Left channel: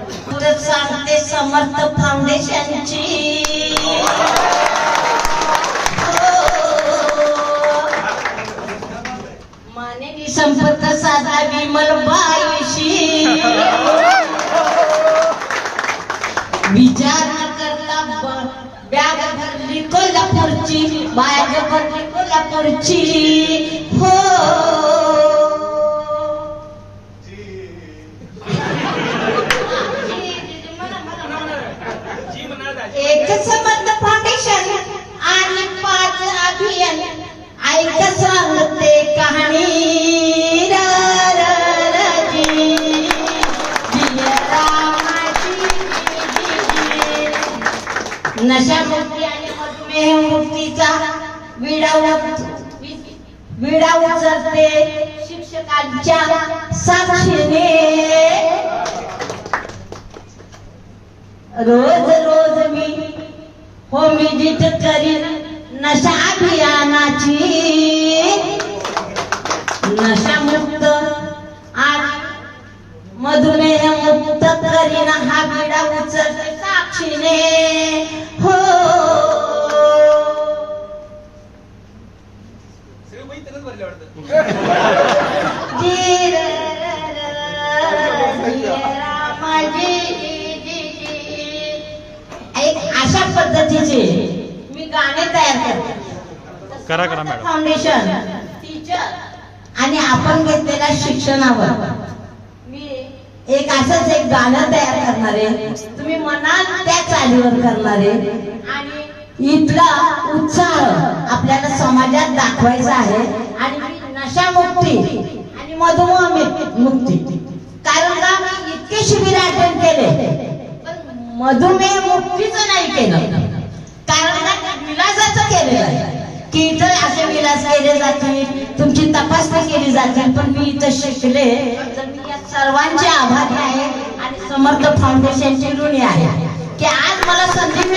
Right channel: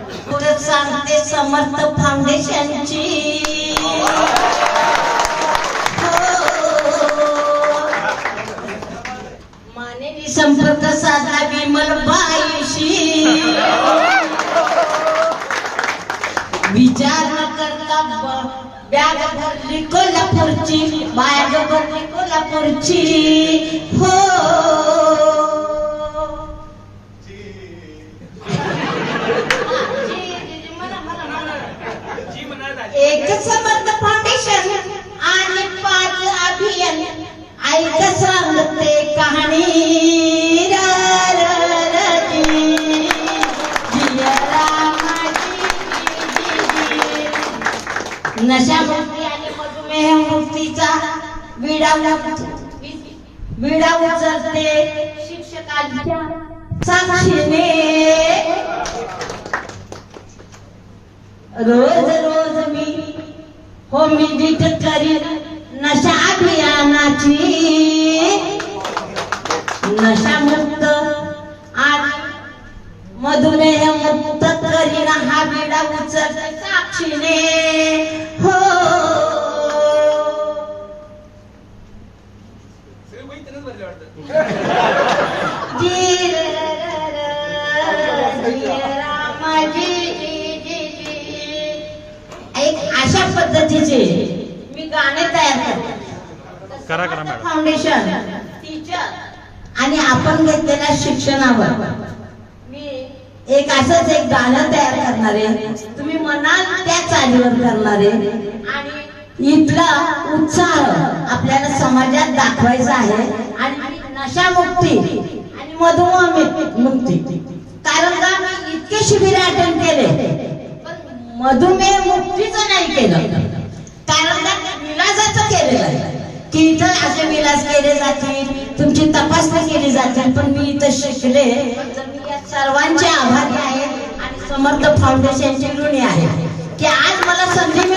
पुढे सांगते समर्थ फाउंडेशनची? हो. मानवी संपर्क साधा विमल बाईशी विचार न करता बॅग भरली कोल्हापूरची बॅग भरली कोल्हापूरची. हो. एक संबंध फाउंडेशन आणि पाच अभियान. ऐक सांगते कहाणी. र, र, नशामुक्ती आणि मधुमेह मुक्तीचा विडा विडा उचलते शिक्षकांच्या साक्षीने. रोज रोज मी हो विजिट करीन नशा अभियानाची. नशामुक्त आणि मधुमेह मुक्त करीन हा बिडा उचलते साक्षीने. हो. जी पद्धतीचे मी गाणे तयार करते. करा, करा, मॅडम. फाउंडेशन टीचर आणि आपण घेतलेल्या शिक्षणावर. मी एक असंच एक गाणं तयार करणार आहे. तुम्ही म्हणाल त्या चालीवर करणार आहे. आणि इथला उत्साह आपल्याला समाजात दाखवायचा आहे. आणि नशामुक्ती आणि मधुमेह मुक्ती. कारण का? मी इतके शिबिर अटेंड केले. मधुमेह मुक्तीचं नाही केलं. कारण का केलेलं आहे. की इथं असे विलास केले जातील तुमची तपासणी केली जातील पण मी इथं शिकले. तर मी या सर्वांचे आभारी आहे आणि समर्थ फाउंडेशनची ऋणी आहे की आज मला संधी